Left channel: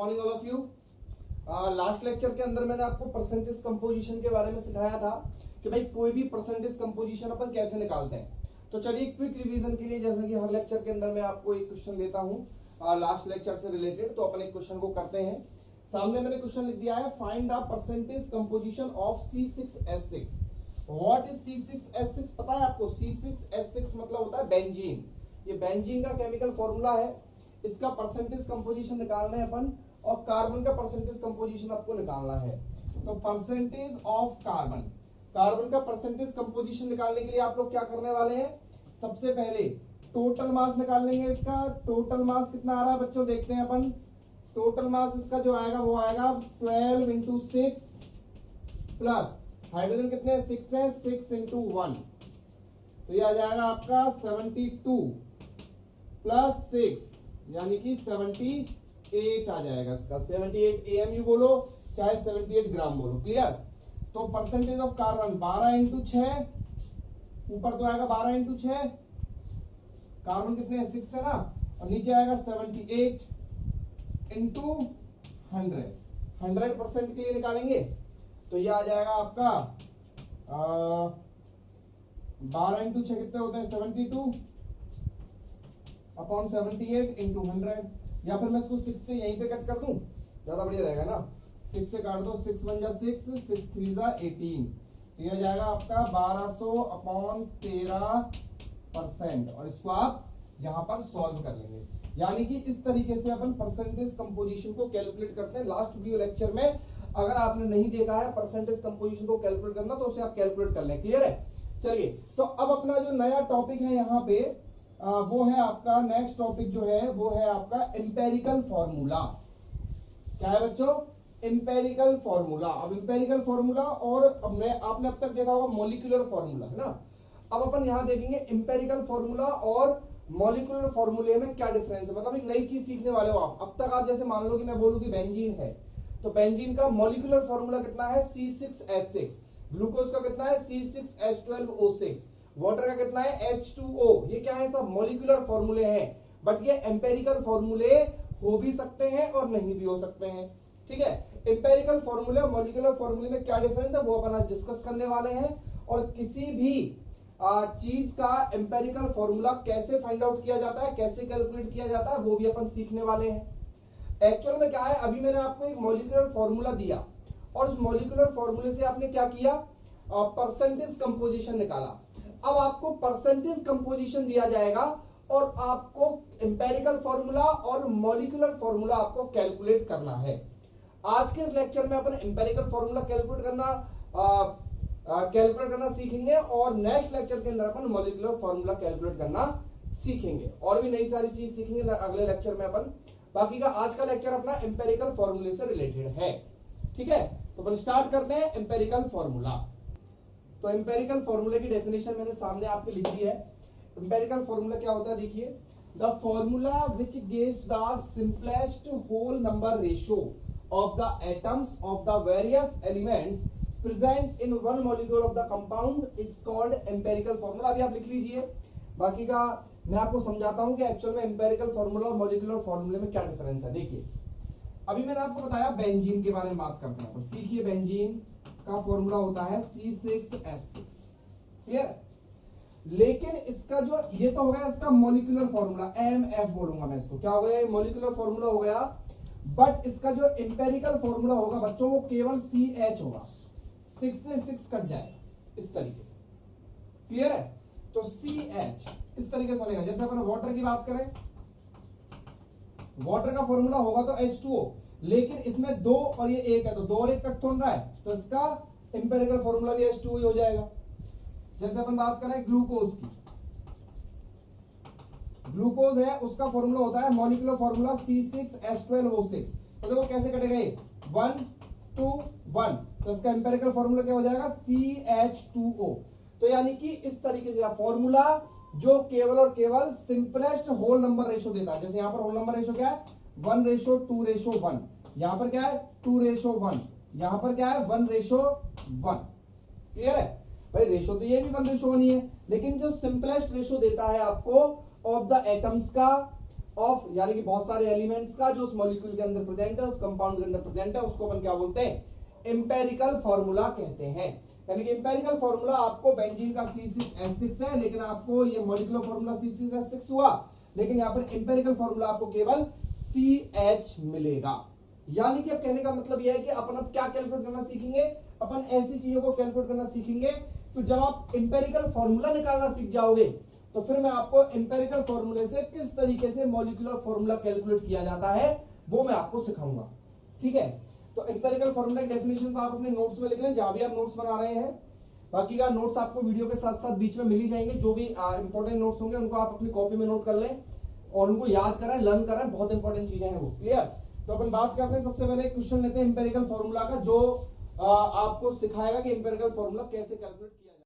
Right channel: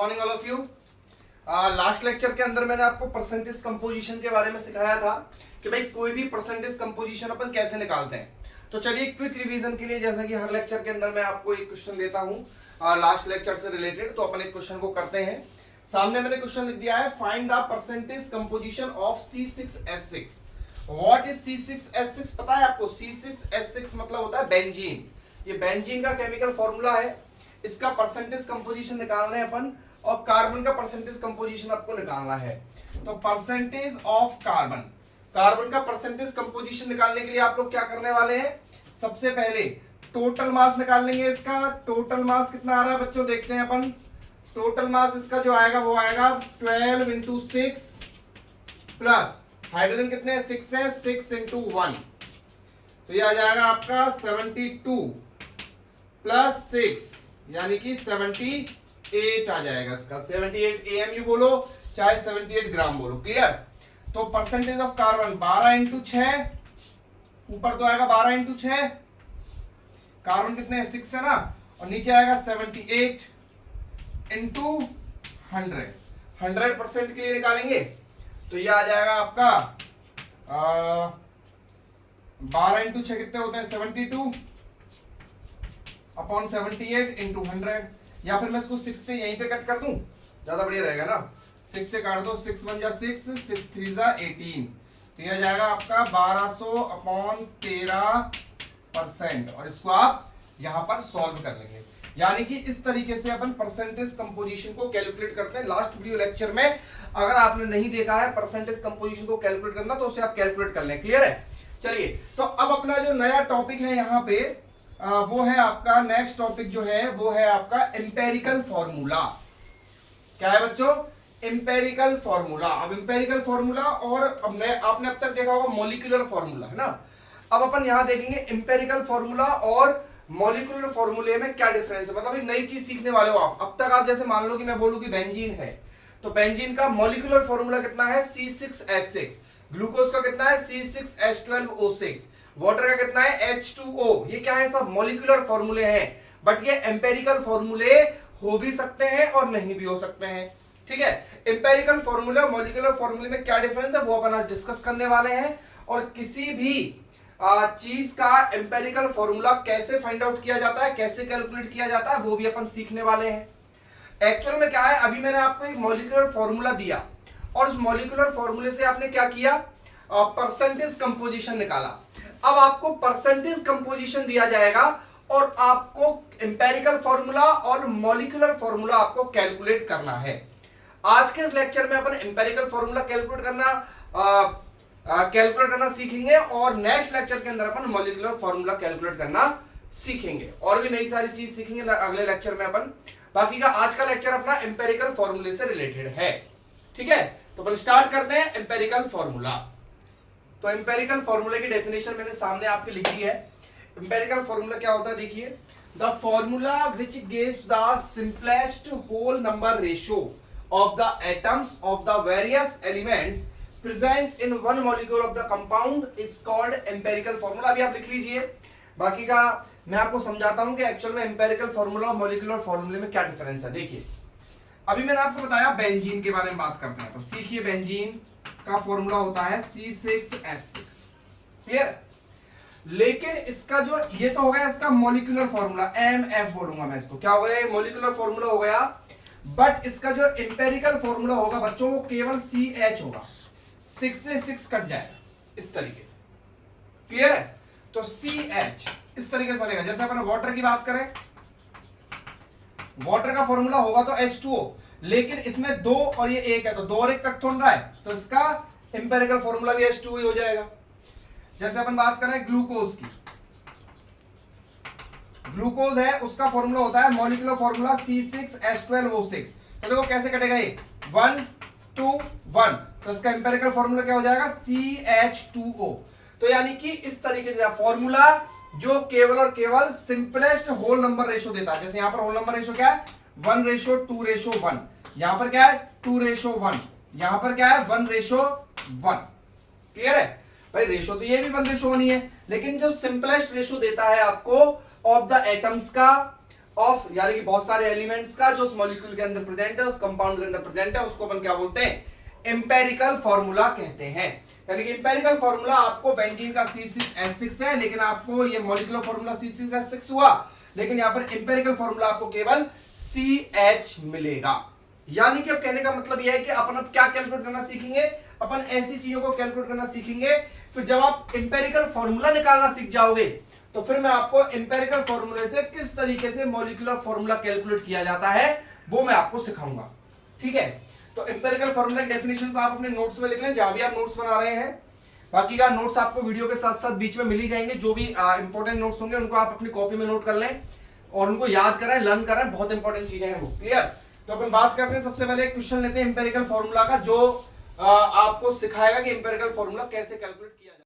Morning all of you. Last lecture के अंदर मैंने आपको परसेंटेज कंपोजिशन के बारे में सिखाया था कि भाई कोई भी परसेंटेज कंपोजिशन अपन कैसे निकालते हैं। तो चलिए क्विक रिवीजन के लिए, जैसा कि हर लेक्चर के अंदर मैं आपको एक क्वेश्चन लेता हूँ लास्ट लेक्चर से रिलेटेड, तो अपन एक क्वेश्चन को करते हैं। सामने मैंने क्वेश्चन लिख दिया है, find the percentage composition of C6H6। What is C6H6 पता है आपको? C6H6 मतलब होता है बेंजीन। ये बेंजीन का केमिकल फॉर्मूला है, इसका परसेंटेज कंपोजिशन निकालना है अपन, और कार्बन का परसेंटेज कंपोजिशन आपको निकालना है। तो परसेंटेज ऑफ कार्बन, कार्बन का परसेंटेज कंपोजिशन निकालने के लिए आप लोग क्या करने वाले हैं? सबसे पहले टोटल मास निकाल लेंगे। इसका टोटल मास कितना आ रहा है बच्चों, देखते हैं अपन। टोटल मास इसका जो आएगा वो आएगा 12 × 6 प्लस हाइड्रोजन कितने हैं? 6 है, 6 × 1, तो ये आ जाएगा आपका 72 प्लस 6 यानी कि 78 आ जाएगा। इसका 78 AMU बोलो चाहे 78 ग्राम बोलो। क्लियर? तो परसेंटेज ऑफ कार्बन 12 × 6, ऊपर तो आएगा 12 × 6, कार्बन कितने हैं? 6 है ना, और नीचे आएगा 78 × 100। 100% के लिए निकालेंगे तो ये आ जाएगा आपका 12 × 6 कितने होते हैं? 72 अपॉन 78 × 100, या फिर मैं इसको 6 से यहीं पे कट कर दूं, ज्यादा बढ़िया रहेगा ना। 6 से काट दो, 6 × 1 = 6, 6 × 3 = 18, तो यह जाएगा आपका 1200 अपॉन 13%, और इसको आप यहां पर सॉल्व कर लेंगे। यानी कि इस तरीके से अपन परसेंटेज कंपोजिशन को कैलकुलेट करते हैं। लास्ट वीडियो लेक्चर में अगर आपने नहीं देखा है परसेंटेज कंपोजिशन को कैलकुलेट करना, तो उसे आप कैलकुलेट कर लें। क्लियर है? चलिए, तो अब अपना जो नया टॉपिक है यहाँ पे वो है आपका, नेक्स्ट टॉपिक जो है वो है आपका एम्पेरिकल फॉर्मूला। क्या है बच्चों? Empirical formula. अब एम्पेरिकल फॉर्मूला और आपने अब तक देखा होगा मॉलिक्यूलर फॉर्मूला, है ना। अब अपन यहाँ देखेंगे एम्पेरिकल फॉर्मूला और मॉलिक्यूलर फॉर्मूले में क्या डिफरेंस है। मतलब एक नई चीज सीखने वाले हो आप। अब तक आप जैसे मान लो कि मैं बोलूं कि बेंजीन है, तो बेंजीन का मॉलिक्यूलर फॉर्मूला कितना है? C6H6। ग्लूकोज का कितना है? C6H12O6। वाटर का कितना है? H2O। ये क्या है? सब मॉलिक्यूलर फॉर्मूले हैं, बट ये एम्पेरिकल फॉर्मूले हो भी सकते हैं और नहीं भी हो सकते हैं। ठीक है? एम्पेरिकल फॉर्मूला मॉलिक्यूलर फॉर्मूले में क्या डिफरेंस है वो अपन आज डिस्कस करने वाले हैं, और किसी भी चीज का एम्पेरिकल फॉर्मूला कैसे फाइंड आउट किया जाता है, कैसे कैलकुलेट किया जाता है, वो भी अपन सीखने वाले हैं। एक्चुअल में क्या है, अभी मैंने आपको एक मॉलिक्यूलर फॉर्मूला दिया, और उस मॉलिक्यूलर फॉर्मूले से आपने क्या किया? परसेंटेज कंपोजिशन निकाला। अब आपको परसेंटेज कंपोजिशन दिया जाएगा और आपको एम्पेरिकल फॉर्मूला और मॉलिक्यूलर फॉर्मूला आपको कैलकुलेट करना है। आज के इस लेक्चर में अपन एम्पेरिकल फॉर्मूला कैलकुलेट करना सीखेंगे, और नेक्स्ट लेक्चर के अंदर अपन मॉलिक्यूलर फॉर्मूला कैलकुलेट करना सीखेंगे, और भी नई सारी चीज सीखेंगे अगले लेक्चर में अपन। बाकी का आज का लेक्चर अपना एम्पेरिकल फॉर्मूले से रिलेटेड है। ठीक है, तो अपन स्टार्ट करते हैं एम्पेरिकल फॉर्मूला। तो एम्पेरिकल फॉर्मूले की डेफिनेशन मैंने सामने आपके लिख दी है। एम्पेरिकल फॉर्मूला क्या होता है देखिए, the formula which gives the simplest whole number ratio of the atoms of the various elements present in one molecule of the compound is called empirical formula. अभी आप लिख लीजिए, बाकी का मैं आपको समझाता हूं कि एक्चुअल में एम्पेरिकल फॉर्मूला और मॉलिक्यूलर फॉर्मूले में क्या डिफरेंस है। देखिए, अभी मैंने आपको बताया बेंजीन के बारे में बात करते हैं। सीखिए, बेंजीन का फॉर्मूला होता है C6H6। क्लियर? लेकिन इसका जो ये तो हो गया इसका मॉलिक्यूलर फॉर्मूला, MF बोलूंगा मैं इसको। क्या हो गया? ये मॉलिक्यूलर फॉर्मूला हो गया, बट इसका जो एम्पेरिकल फॉर्मूला होगा बच्चों वो केवल CH होगा। 6 से 6 कट जाएगा इस तरीके से। क्लियर है? तो CH इस तरीके से बनेगा। जैसे अपन वाटर की बात करें, वाटर का फॉर्मूला होगा तो H2O, लेकिन इसमें 2 और ये 1 है, तो 2 और 1 कट थोड़ा है, तो इसका एम्पेरिकल फॉर्मूला भी H2O ही हो जाएगा। जैसे अपन बात करें ग्लूकोज की, ग्लूकोज है उसका फॉर्मूला होता है मॉलिक्यूलर फॉर्मूला C6H12O6। तो देखो कैसे कटेगा ये 1 2 1, तो इसका एम्पेरिकल फॉर्मूला क्या हो जाएगा? CH2O। तो यानी कि इस तरीके से फॉर्मूला जो केवल और केवल सिंपलेस्ट होल नंबर रेशियो देता है। जैसे यहां पर होल नंबर रेशियो क्या है? 1:2:1। यहां पर क्या है? 2:1। यहां पर क्या है? 1:1। क्लियर है भाई? रेशियो तो ये भी 1:1 ही है, लेकिन जो सिंपलेस्ट रेशियो देता है आपको ऑफ द एटम्स का ऑफ यानी कि बहुत सारे एलिमेंट्स का जो उस मॉलिक्यूल के अंदर प्रेजेंट है, उस कंपाउंड के अंदर प्रेजेंट है, उसको अपन क्या बोलते हैं, एम्पेरिकल फॉर्मूला कहते हैं। यानी कि एम्पेरिकल फॉर्मूला आपको बेंजीन का C6H6 है, लेकिन आपको ये मॉलिक्यूलर फॉर्मूला C6H6 हुआ, लेकिन यहाँ पर एम्पेरिकल फॉर्मूला आपको केवल CH मिलेगा। यानी कि अब कहने का मतलब यह है कि अपन अब क्या कैलकुलेट करना सीखेंगे, अपन ऐसी चीजों को कैलकुलेट करना सीखेंगे। फिर जब आप एम्पेरिकल फॉर्मूला निकालना सीख जाओगे तो फिर मैं आपको एम्पेरिकल फॉर्मूले से किस तरीके से मॉलिक्यूलर फॉर्मूला कैलकुलेट किया जाता है वो मैं आपको सिखाऊंगा। ठीक है, तो एम्पेरिकल फॉर्मूला की डेफिनेशंस आप अपने नोट्स में लिख लें, जहां भी आप नोट्स बना रहे हैं। बाकी का नोट्स आपको वीडियो के साथ साथ बीच में मिल ही जाएंगे। जो भी इंपॉर्टेंट नोट्स होंगे उनको आप अपनी कॉपी में नोट कर लें और उनको याद करें, लर्न करें, बहुत इंपॉर्टेंट चीजें हैं वो। क्लियर? तो अपन बात करते हैं, सबसे पहले एक क्वेश्चन लेते हैं एम्पेरिकल फॉर्मूला का, जो आपको सिखाएगा कि एम्पेरिकल फॉर्मूला कैसे कैलकुलेट किया जाए।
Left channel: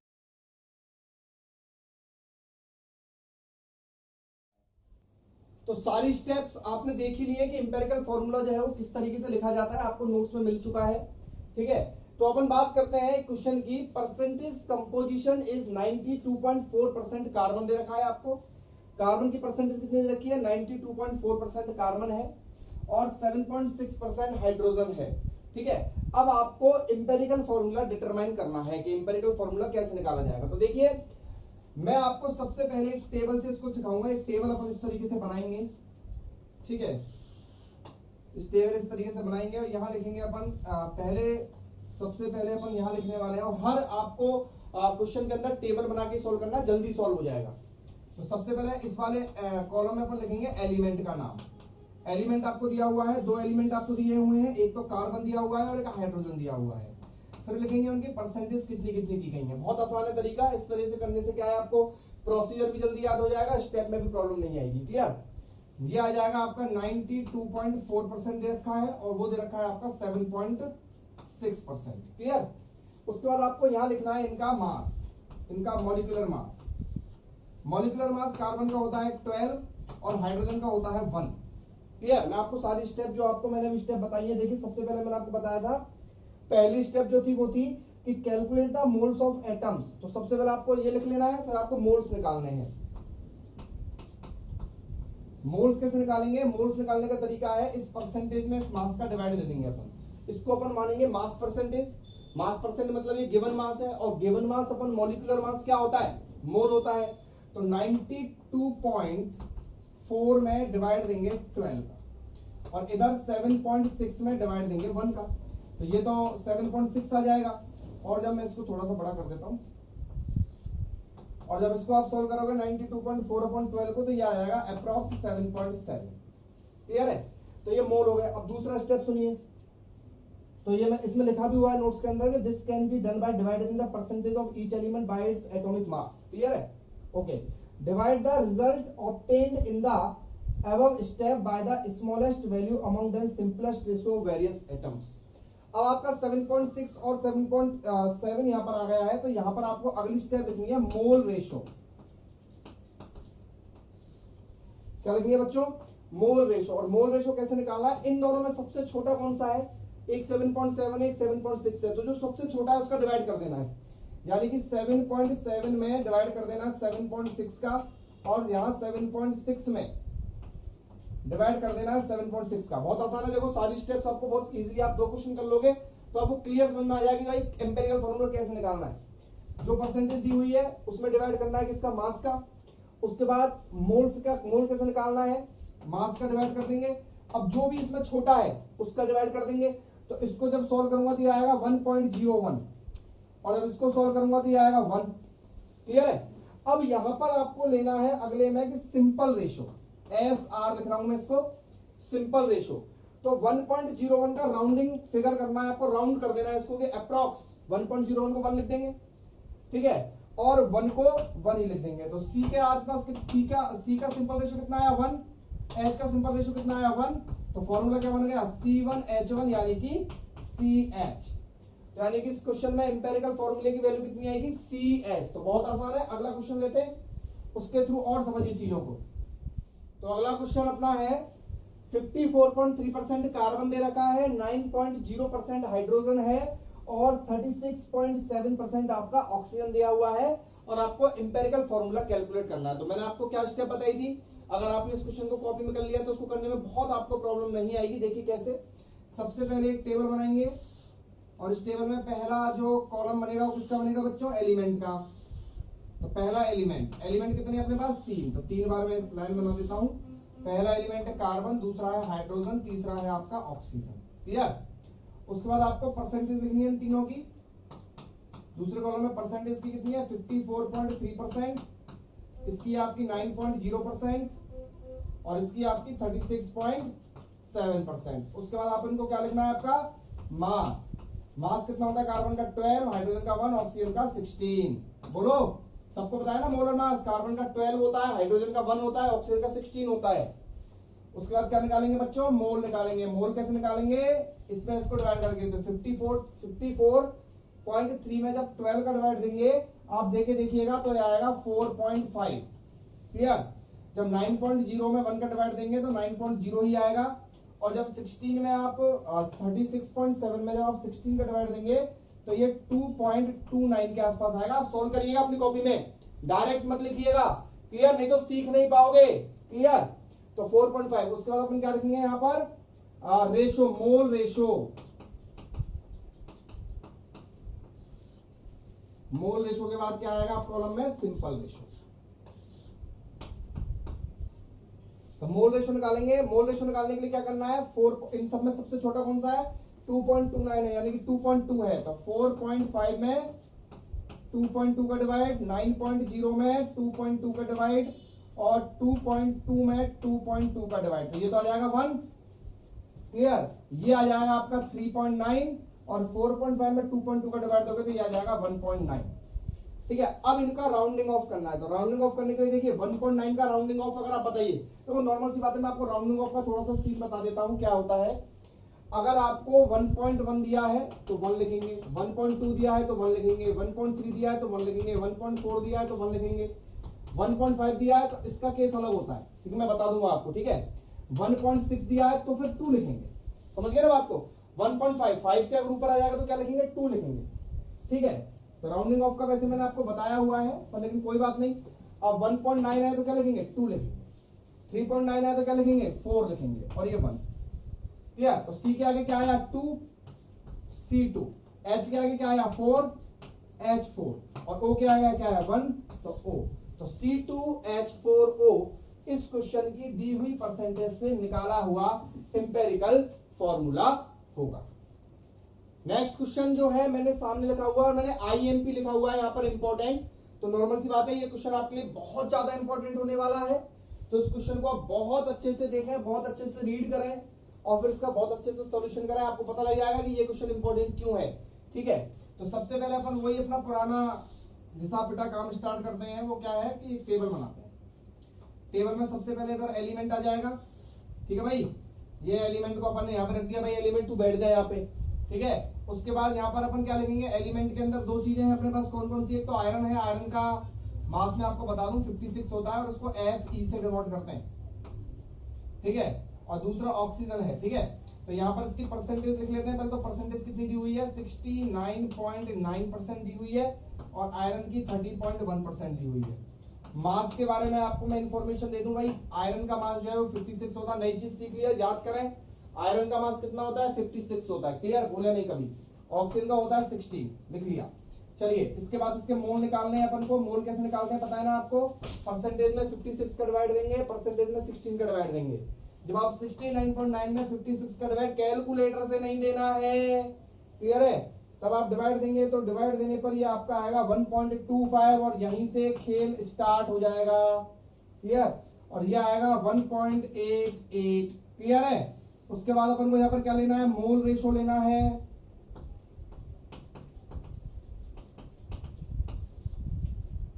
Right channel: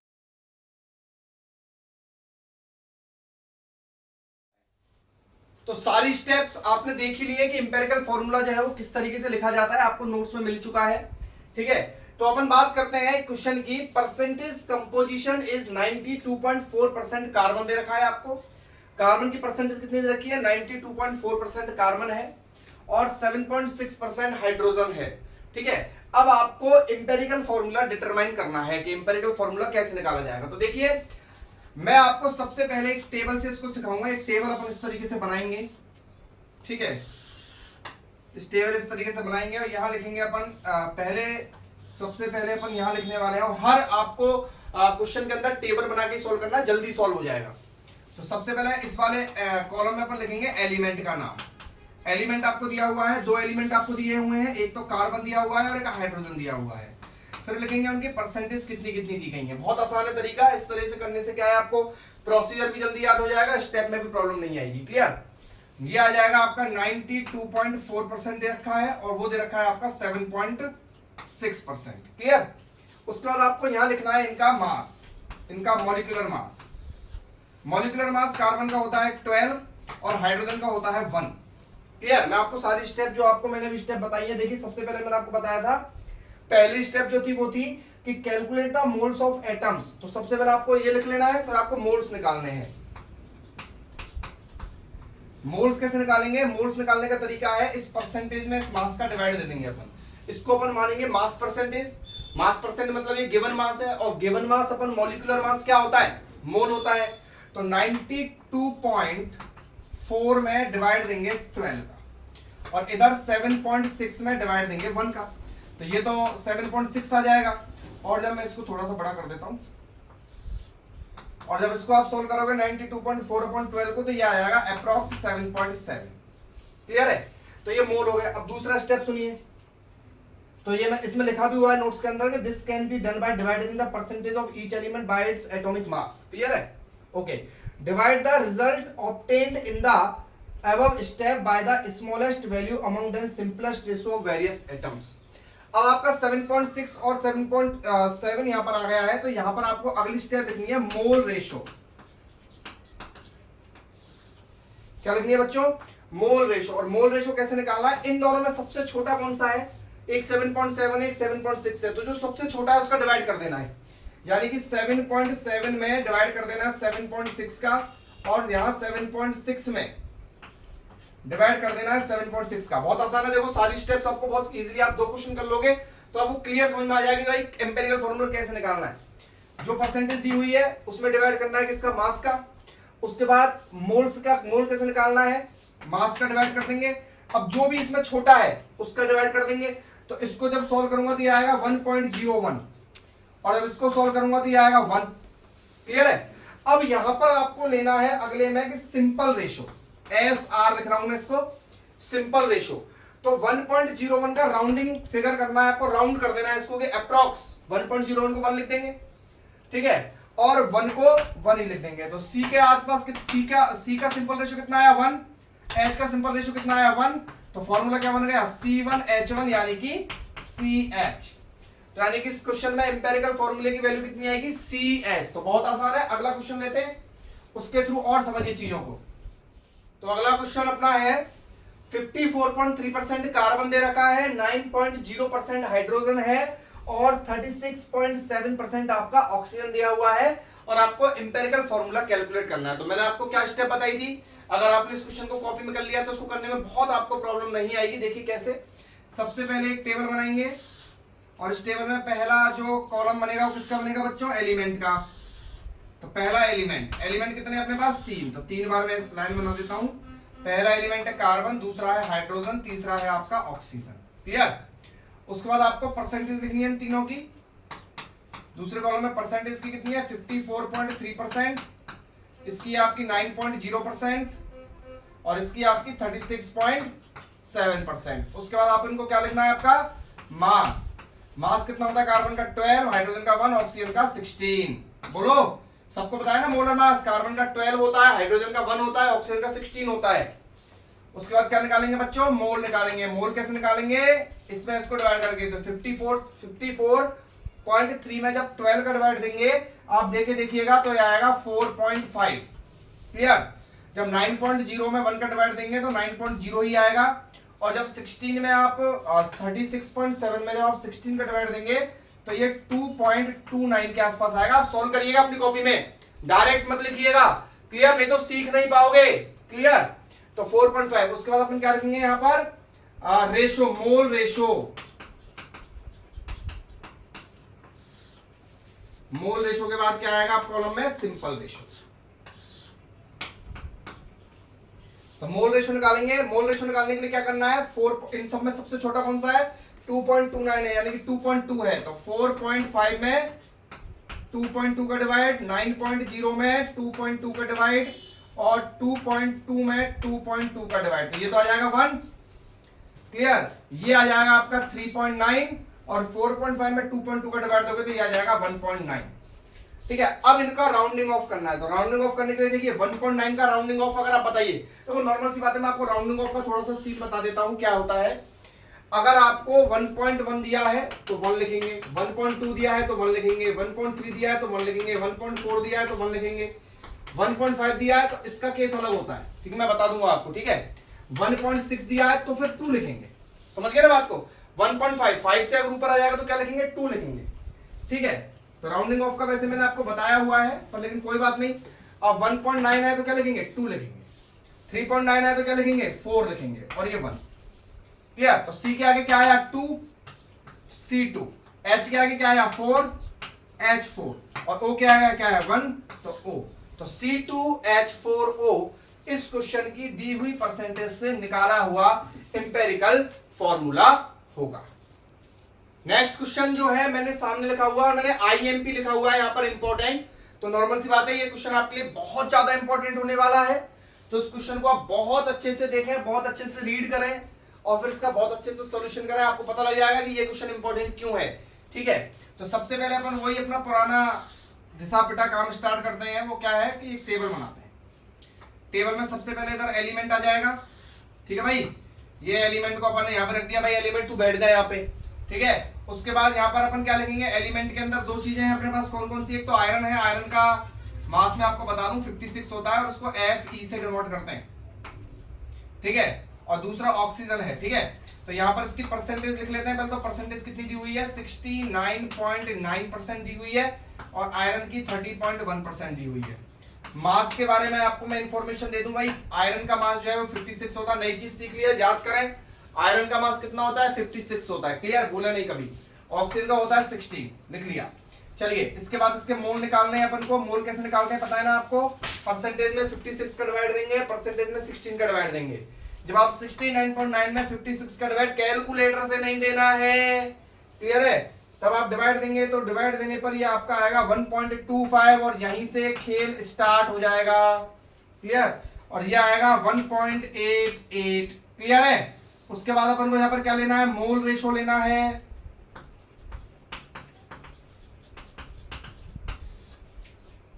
तो सारी स्टेप्स आपने देख ही ली है कि एम्पेरिकल फॉर्मूला जो है वो किस तरीके से लिखा जाता है, आपको नोट्स में मिल चुका है। ठीक है, तो अपन बात करते हैं क्वेश्चन की। परसेंटेज कंपोजिशन इज 92.4% कार्बन दे रखा है आपको। कार्बन की परसेंटेज कितनी दे रखी है, 92.4% कार्बन है और 7.6% हाइड्रोजन है। ठीक है, अब आपको एम्पेरिकल फॉर्मूला डिटरमाइन करना है कि एम्पेरिकल फॉर्मूला कैसे निकाला जाएगा। तो देखिए, मैं आपको सबसे पहले एक टेबल से इसको सिखाऊंगा। एक टेबल अपन इस तरीके से बनाएंगे। ठीक है, इस टेबल इस तरीके से बनाएंगे और यहां लिखेंगे अपन सबसे पहले अपन यहां लिखने वाले हैं, और हर आपको क्वेश्चन के अंदर टेबल बना के सॉल्व करना, जल्दी सॉल्व हो जाएगा। तो सबसे पहले इस वाले कॉलम में अपन लिखेंगे एलिमेंट का नाम। एलिमेंट आपको दिया हुआ है, दो एलिमेंट आपको दिए हुए हैं, एक तो कार्बन दिया हुआ है और एक हाइड्रोजन दिया हुआ है। फिर लिखेंगे उनकी परसेंटेज कितनी कितनी दी गई है। बहुत आसान है तरीका, इस तरह से करने से क्या है, आपको प्रोसीजर भी जल्दी याद हो जाएगा, स्टेप में भी प्रॉब्लम नहीं आएगी। क्लियर? ये आ जाएगा आपका 92.4% दे रखा है और वो दे रखा है आपका 7.6%। क्लियर? उसके बाद आपको यहां लिखना है इनका मास, इनका molecular mass. Molecular mass carbon का होता है 12 और हाइड्रोजन का होता है 1। क्लियर? मैं आपको सारी स्टेप जो आपको मैंने भी स्टेप बताई है, देखिए सबसे पहले मैंने आपको बताया था, पहली स्टेप जो थी वो थी कि calculate the moles of atoms. तो सबसे पहले आपको ये लिख लेना है, फिर आपको मोल्स निकालने हैं। मोल्स कैसे निकालेंगे, मोल्स निकालने का तरीका है, इस परसेंटेज में इस मास का डिवाइड दे देंगे अपन, इसको अपन मानेंगे मास परसेंटेज। मास परसेंट मतलब ये गिवन मास है, और गिवन मास अपन मॉलिक्यूलर मास क्या होता है, मोल होता है। तो 92.4 में डिवाइड देंगे 12 का, और इधर 7.6 में डिवाइड देंगे 1 का। तो ये तो 7.6 आ जाएगा, और जब मैं इसको थोड़ा सा बड़ा कर देता हूं, और जब इसको आप सोल्व करोगे 92.4/12 को, तो ये आ जाएगा अप्रॉक्स 7.7। क्लियर है? तो ये मोल हो गया। अब दूसरा स्टेप सुनिए, तो ये मैं इसमें लिखा भी हुआ है नोट्स के अंदर कि this can be done by dividing the percentage of each element by its atomic mass. Clear है? Okay, divide the result obtained in the above step by the smallest value among the simplest ratio of various atoms। अब आपका 7.6 और 7.7 यहां पर आ गया है, तो यहां पर आपको अगली स्टेप लिखनी है मोल रेशो। क्या लिखनी है बच्चों, मोल रेशो। और मोल रेशो कैसे निकालना है, इन दोनों में सबसे छोटा कौन सा है, एक 7.7 एक 7.6 है, तो जो सबसे छोटा है उसका डिवाइड कर देना है। यानी कि 7.7 में डिवाइड कर देना है 7.6 का, और यहां 7.6 में डिवाइड कर देना है 7.6 का। बहुत आसान है, देखो सारी स्टेप्स आपको बहुत इजीली, आप 2 क्वेश्चन कर लोगे तो आपको क्लियर समझ में आ जाएगा भाई एम्पिरिकल फॉर्मूला कैसे निकालना है। जो परसेंटेज दी हुई है उसमें डिवाइड करना है किसका, मास का। उसके बाद मोल्स का, मोल कैसे निकालना है, मास का डिवाइड कर देंगे। अब जो भी इसमें छोटा है उसका डिवाइड कर देंगे। तो इसको जब सॉल्व करूंगा तो ये आएगा 1.01, और जब इसको सॉल्व करूंगा तो ये आएगा 1। क्लियर है? अब यहां पर आपको लेना है अगले में कि सिंपल रेशो, SR लिख रहा हूं मैं इसको, सिंपल रेशो। तो 1.01 का राउंडिंग फिगर करना है आपको, राउंड कर देना है इसको कि अप्रॉक्स 1.01 को 1 लिख देंगे। ठीक है, और 1 को 1 ही लिख देंगे। तो C के आसपास C का सिंपल रेशो कितना आया 1, H का सिंपल रेशो कितना आया 1। तो फॉर्मूला क्या बन गया, C1H1 यानी कि CH। तो यानी कि इस क्वेश्चन में एम्पिरिकल फॉर्मूले की वैल्यू कितनी आएगी, CH। तो बहुत आसान है, अगला क्वेश्चन लेते हैं, उसके थ्रू और समझिए चीजों को। तो अगला क्वेश्चन अपना है 54.3% कार्बन दे रखा है, 9.0% हाइड्रोजन है और 36.7% आपका ऑक्सीजन दिया हुआ है, और आपको एम्पिरिकल फॉर्मूला कैलकुलेट करना है। तो मैंने आपको क्या स्टेप बताई थी, अगर आपने इस क्वेश्चन को कॉपी में कर लिया तो उसको करने में बहुत आपको प्रॉब्लम नहीं आएगी। देखिए कैसे, सबसे पहले एक टेबल बनाएंगे और इस टेबल में पहला जो कॉलम बनेगा वो किसका बनेगा बच्चों, एलिमेंट का। तो पहला एलिमेंट, एलिमेंट कितने अपने पास 3, तो 3 बार मैं लाइन बना देता हूं। पहला एलिमेंट है कार्बन, दूसरा है हाइड्रोजन, तीसरा है आपका ऑक्सीजन। क्लियर। उसके बाद आपको परसेंटेज लिखनी है इन तीनों की। दूसरे कॉलम में परसेंटेज की कितनी है 54.3%, इसकी आपकी 9.0% और इसकी आपकी 36.7%। उसके बाद आप इनको क्या लिखना है आपका मास। मास कितना होता है कार्बन का 12, हाइड्रोजन का 1, ऑक्सीजन का 16। बोलो, सबको बताया ना मोलर मास, कार्बन का 12 होता है, हाइड्रोजन का 1 होता है, ऑक्सीजन का 16 होता है। उसके बाद क्या निकालेंगे बच्चों, मोल निकालेंगे। मोल कैसे निकालेंगे, इसमें इसको डिवाइड करके, तो 54.3 में जब 12 का डिवाइड देंगे आप देखिएगा तो यह आएगा 4.5। क्लियर। जब 9.0 में 1 का डिवाइड देंगे तो 9.0 ही आएगा, और जब 16 में आप 36.7 में जब आप 16 का डिवाइड देंगे तो ये 2.29 के आसपास आएगा। आप सॉल्व करिएगा अपनी कॉपी में, डायरेक्ट मत लिखिएगा। क्लियर, नहीं तो सीख नहीं पाओगे। क्लियर। तो 4.5। उसके बाद अपन क्या रखेंगे यहां पर ratio, mole ratio. Mole ratio के बाद क्या आएगा आप कॉलम में, सिंपल रेशो। तो मोल रेशो निकालेंगे। मोल रेशो निकालने के लिए क्या करना है, 4, इन सब में सबसे छोटा कौन सा है 2.29 है, यानी कि 2.2 है। तो 4.5 में 2.2 का डिवाइड, 9.0 में 2.2 का डिवाइड और 2.2 में 2.2 का डिवाइड, तो ये तो आ जाएगा 1। क्लियर। ये आ जाएगा आपका 3.9 और 4.5 में 2.2 का डिवाइड दोगे तो ये आ जाएगा 1.9। ठीक है। अब इनका राउंडिंग ऑफ करना है, तो राउंडिंग ऑफ करने के लिए देखिए 1.9 का राउंडिंग ऑफ अगर आप बताइए तो नॉर्मल सी बात है, मैं आपको राउंडिंग ऑफ का थोड़ा सा सीन बता देता हूं क्या होता है। अगर आपको 1.1 दिया है तो 1 लिखेंगे, 1.2 दिया है तो 1 लिखेंगे, 1.3 दिया है तो 1 लिखेंगे, 1.4 दिया है तो 1 लिखेंगे, 1.5 दिया है तो इसका केस अलग होता है। ठीक है, मैं बता दूंगा आपको। ठीक है। 1.6 दिया है तो फिर 2 लिखेंगे। समझ गए ना बात को। 1.5, 5 से अगर ऊपर आ जाएगा तो क्या लिखेंगे, 2 लिखेंगे। ठीक है। तो राउंडिंग ऑफ का वैसे मैंने आपको बताया हुआ है, पर लेकिन कोई बात नहीं। अब 1.9 है तो क्या लिखेंगे, 2 लिखेंगे। 3.9 है तो क्या लिखेंगे, 4 लिखेंगे, और ये 1। क्लियर। तो C के आगे क्या आया 2, C2। H के आगे क्या आया 4, H4, और O के आगे क्या है 1, तो O। तो C2H4O इस क्वेश्चन की दी हुई परसेंटेज से निकाला हुआ इंपेरिकल फॉर्मूला होगा। नेक्स्ट क्वेश्चन जो है मैंने सामने लिखा हुआ है, मैंने IMP लिखा हुआ है यहाँ पर इंपॉर्टेंट। तो नॉर्मल सी बात है, ये क्वेश्चन आपके लिए बहुत ज्यादा इंपॉर्टेंट होने वाला है। तो इस क्वेश्चन को आप बहुत अच्छे से देखें, बहुत अच्छे से रीड करें और फिर इसका बहुत अच्छे से सॉल्यूशन करें। आपको पता लग जाएगा कि ये क्वेश्चन इंपॉर्टेंट क्यों है। ठीक है। तो सबसे पहले अपन वही अपना पुराना घिसा पिटा काम स्टार्ट करते हैं। वो क्या है कि एक टेबल बनाते हैं। टेबल में सबसे पहले इधर एलिमेंट आ जाएगा। ठीक है भाई, ये एलिमेंट को अपन ने यहाँ पे रख दिया। भाई एलिमेंट तू बैठ जा यहाँ पे। ठीक है। उसके बाद यहाँ पर अपन क्या लिखेंगे, एलिमेंट के अंदर 2 चीजें हैं अपने पास। कौन कौन सी, एक तो आयरन है। आयरन का मास मैं आपको बता दूं 56 होता है और उसको Fe से डिनोट करते हैं। ठीक है। और दूसरा ऑक्सीजन है। ठीक है। तो यहाँ पर इसकी परसेंटेज लिख लेते हैं पहले। तो परसेंटेज कितनी दी हुई है 69.9% दी हुई है और आयरन की 30.1% दी हुई है। मास के बारे में आपको मैं इंफॉर्मेशन दे दूं भाई। आयरन का मास जो है वो 56 होता है। नई चीज सीख लिया, याद करें। आयरन का मास कितना होता है 56 होता है। क्लियर, भूले नहीं कभी। ऑक्सीजन का होता है 16, लिख लिया। चलिए, इसके बाद इसके मोल निकालने हैं अपन को। मोल कैसे निकालते हैं पता है ना आपको। परसेंटेज में 56 का डिवाइड देंगे, परसेंटेज में 16 का डिवाइड देंगे। जब आप 69.9 में 56 का डिवाइड कैलकुलेटर से नहीं देना है, क्लियर है, तब आप डिवाइड देंगे तो डिवाइड देने पर ये आपका आएगा 1.25 और यहीं से खेल स्टार्ट हो जाएगा। क्लियर। और ये आएगा 1.88। क्लियर है। उसके बाद अपन को यहाँ पर क्या लेना है, मोल रेशो लेना है।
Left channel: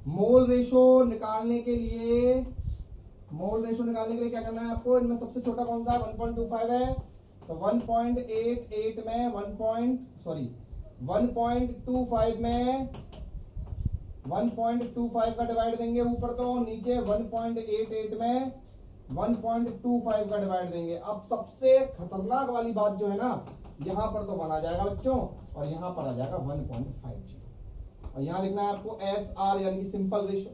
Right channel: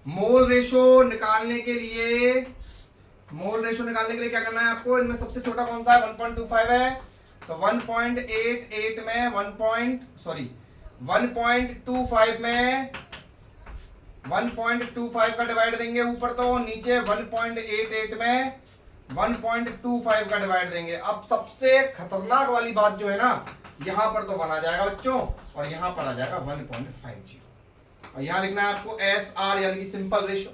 मोल रेशो निकालने के लिए क्या करना है आपको, इनमें सबसे छोटा कौन सा है 1.25 है। तो 1.88 में 1.25 में 1.25 का डिवाइड देंगे ऊपर, तो नीचे 1.88 में 1.25 का डिवाइड देंगे। अब सबसे खतरनाक वाली बात जो है ना, यहां पर तो 1 आ जाएगा बच्चों और यहां पर आ जाएगा 1.50 और यहां लिखना है आपको SR यानी कि सिंपल रेशो।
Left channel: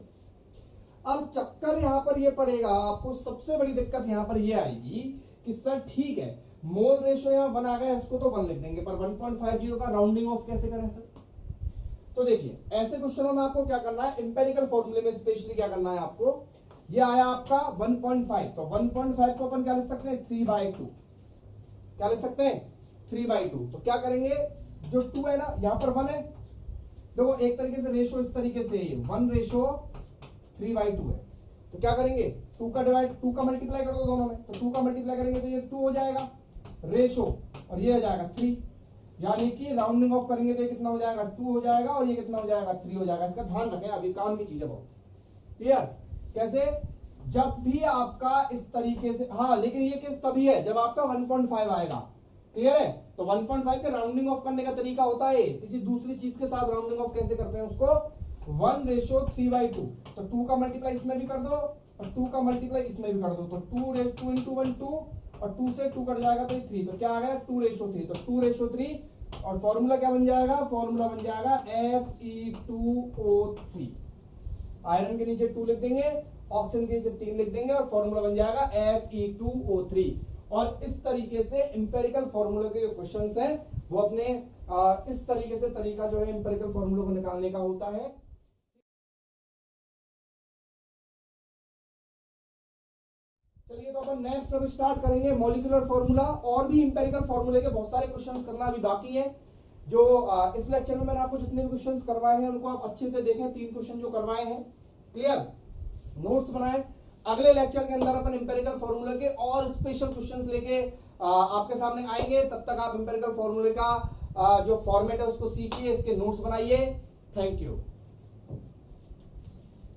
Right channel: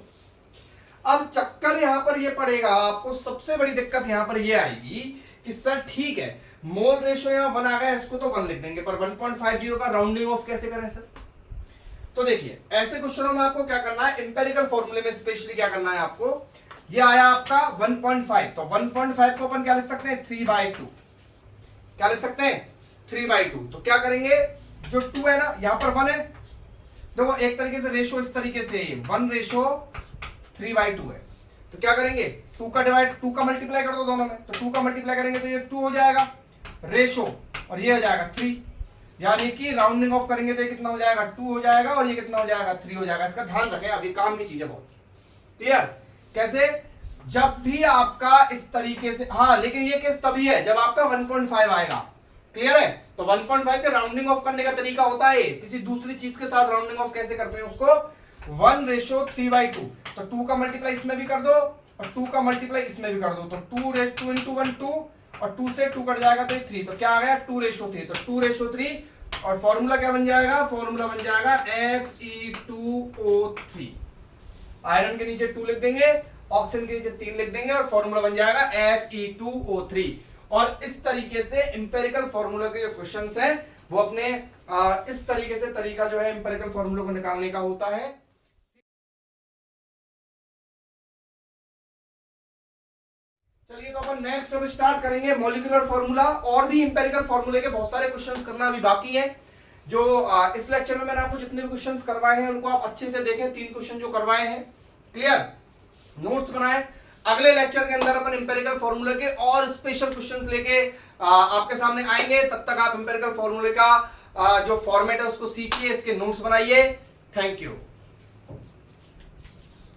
अब चक्कर यहां पर ये पड़ेगा आपको, सबसे बड़ी दिक्कत यहां पर ये आएगी कि सर ठीक है मोल रेशो यहां 1 आ गया, इसको तो 1 लिख देंगे, पर 1.50 का राउंडिंग ऑफ कैसे करें सर? तो देखिए ऐसे क्वेश्चनों में आपको क्या करना है, इंपेरिकल फॉर्मूले में स्पेशली क्या करना है आपको, ये आया आपका 1.5, तो 1.5 को अपन क्या लिख सकते हैं 3/2, क्या लिख सकते हैं 3/2। तो क्या करेंगे, जो 2 है ना यहाँ पर 1 है, देखो एक तरीके से रेशो इस तरीके से 1:3/2 है, तो क्या करेंगे 2 का डिवाइड 2 का मल्टीप्लाई कर दो दोनों में, तो 2 का मल्टीप्लाई करेंगे तो ये 2 हो जाएगा रेशो, और ये हो जाएगा 3, यानी कि राउंडिंग ऑफ करेंगे तो ये कितना हो जाएगा 2 हो जाएगा, और ये कितना हो जाएगा 3 हो जाएगा। इसका ध्यान रखें, अभी काम की चीज है बहुत। क्लियर? कैसे? जब भी आपका इस तरीके से, हाँ लेकिन ये केस तभी है जब आपका 1.5 आएगा। क्लियर है? तो 1.5 के राउंडिंग ऑफ करने का तरीका होता है किसी दूसरी चीज के साथ राउंडिंग ऑफ कैसे करते हैं उसको, 1:3/2, तो 2 का मल्टीप्लाई इसमें भी कर दो और 2 का मल्टीप्लाई इसमें भी कर दो, तो 2:2 × 1 2, और 2 से 2 कट जाएगा तो 3, तो क्या आ गया 2:3, तो 2:3, और फॉर्मूला क्या बन जाएगा, फॉर्मूला बन जाएगा Fe2O3। आयरन के नीचे 2 लिख देंगे, ऑक्सीजन के नीचे 3 लिख देंगे, और फॉर्मूला बन जाएगा Fe2O3। और इस तरीके से इंपेरिकल फॉर्मूला के जो क्वेश्चंस हैं वो अपने इस तरीके से तरीका जो है इंपेरिकल फॉर्मूला को निकालने का होता है। चलिए तो अपन नेक्स्ट अब स्टार्ट करेंगे मॉलिक्यूलर फॉर्मूला, और भी इंपेरिकल फॉर्मूले के बहुत सारे क्वेश्चंस करना अभी बाकी है। जो इस लेक्चर में मैंने आपको जितने भी क्वेश्चंस करवाए हैं उनको आप अच्छे से देखें, 3 क्वेश्चन जो करवाए हैं, क्लियर, नोट्स बनाए। अगले लेक्चर के अंदर अपन इंपेरिकल फॉर्मूले के और स्पेशल क्वेश्चंस लेके आपके सामने आएंगे। तब तक आप इंपेरिकल फॉर्मूले का जो फॉर्मेट है उसको सीखिए, इसके नोट्स बनाइए। Thank you.